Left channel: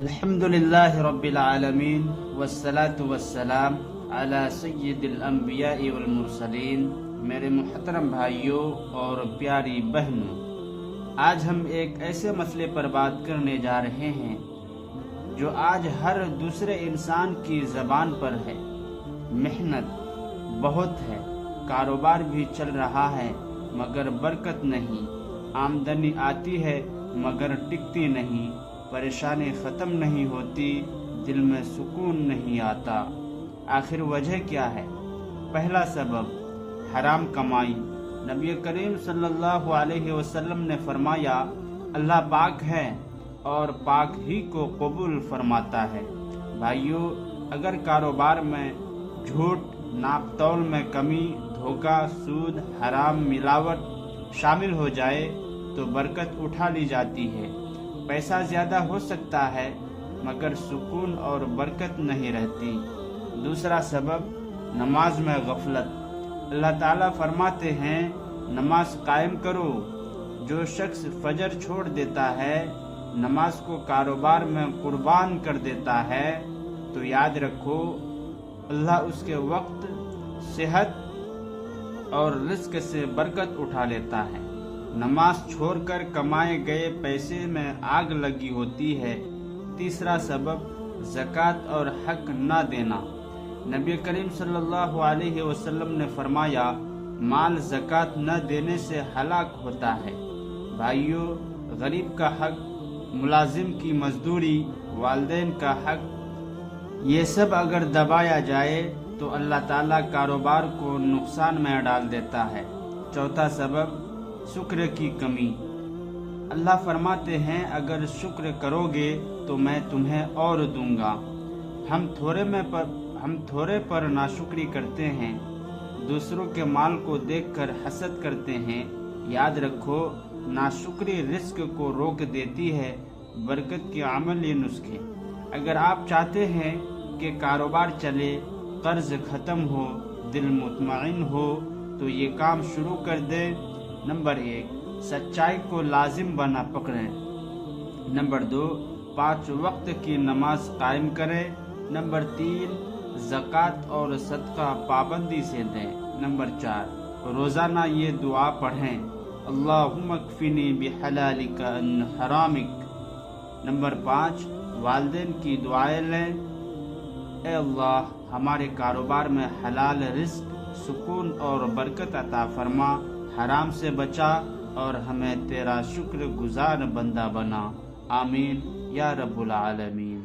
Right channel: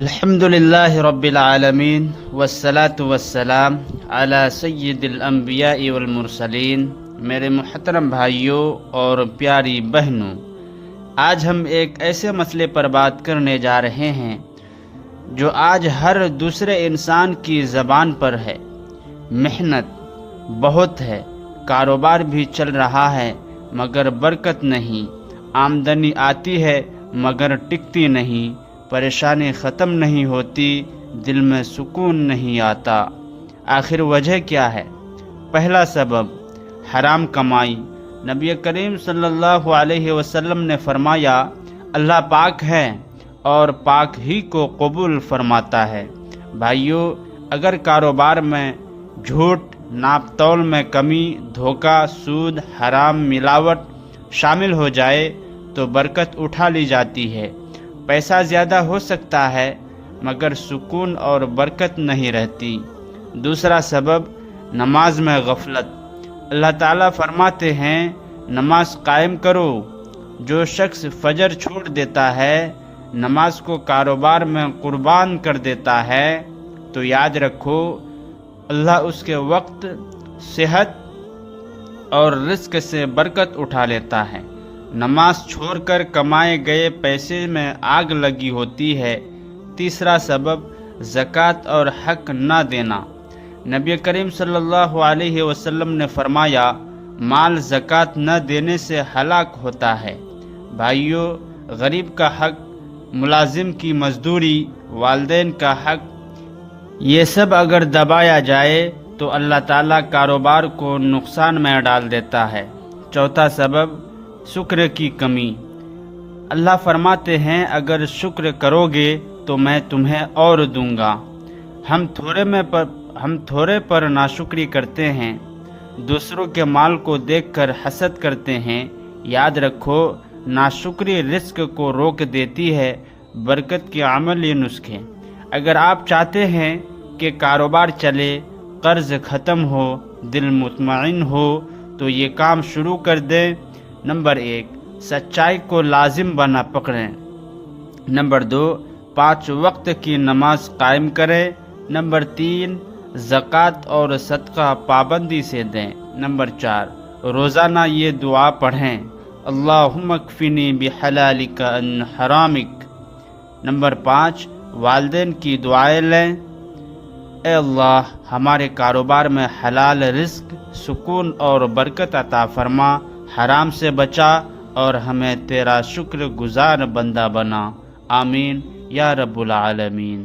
الحمدللہ رب العالمین والصلاة والسلام علی سید الانبیاء والمرسلین۔ میرے محترم بھائیوں اور پیاری بہنوں، آج ہم ایک ایسے مسئلے پر بات کرنے جا رہے ہیں جو آج ہر دوسرے انسان کی زبان پر ہے۔ محنت بہت ہے، کاروبار بھی چل رہا ہے مگر برکت نہیں، آمدنی آتی ہے مگر ٹکتی نہیں، پریشانی ختم نہیں ہوتی، دل میں سکون نہیں آتا۔ آخر وجہ کیا ہے؟ پہلا سبب حرام کمائی۔ نبی کریم صلی اللہ علیہ وسلم نے فرمایا، اللہ پاک ہے اور پاک ہی کو قبول فرماتا ہے۔ بھائیو، اگر کاروبار میں جھوٹ، ناپ تول میں کمی، دھوکہ، سود، حرام، ملاوٹ شامل ہو جائے تو برکت اٹھا لی جاتی ہے۔ پیسہ زیادہ ہو سکتا ہے مگر سکون اور برکت نہیں رہتی۔ دوسرا سبب نماز میں غفلت۔ اللہ تعالیٰ فرماتے ہیں، نماز قائم کرو۔ جو شخص فجر چھوڑ دیتا ہے، نماز کو کاروبار میں قربان کر دیتا ہے تو یاد رکھو اللہ اس کے وقت، صحت اور رزق سے برکت اٹھا لیتا ہے۔ نماز چھوڑ کر کمائے گئے پیسے میں آگ لگی ہوتی ہے۔ تیسرا سبب زکوٰۃ اور حق نہ دینا۔ نبی کریم صلی اللہ علیہ وسلم نے فرمایا، مال زکوٰۃ نہ دینے سے ہلاک ہوتا ہے۔ بھائیو، غریب کا حق، ملازم کی مزدوری، والدین کا حق، یہ سب اگر دبایا جائے تو اللہ تعالیٰ کاروبار کو نقصان میں ڈال دیتا ہے۔ چوتھا سبب شکر کی کمی۔ اللہ فرماتے ہیں، اگر شکر کرو گے تو میں تمہیں اور دوں گا۔ ہم تھوڑے پر ناشکری کرتے ہیں، دوسروں کے مال کو دیکھ کر حسد کرتے ہیں۔ یاد رکھو، ناشکری رزق کو روک دیتی ہے۔ برکت کے عملی نسخے۔ اگر آپ چاہتے ہیں کہ کاروبار چلے، قرض ختم ہو، دل مطمئن ہو تو یہ کام شروع کر دیں۔ نمبر 1، سچائی کو لازم بنا پکڑیں۔ نمبر 2، 5 وقت کی نماز قائم کریں۔ نمبر 3، زکوٰۃ اور صدقہ پابندی سے دیں۔ نمبر 4، روزانہ یہ دعا پڑھیں، اللہم اکفنی بحلالک عن حرامک۔ نمبر 5، والدین کی دعائیں لیں، اے اللہ ہمارے کاروبار میں حلال رزق، سکون اور برکت عطا فرما، حرام سے بچا اور ہمیں تیرا شکر گزار بندہ بنا۔ آمین یا رب العالمین۔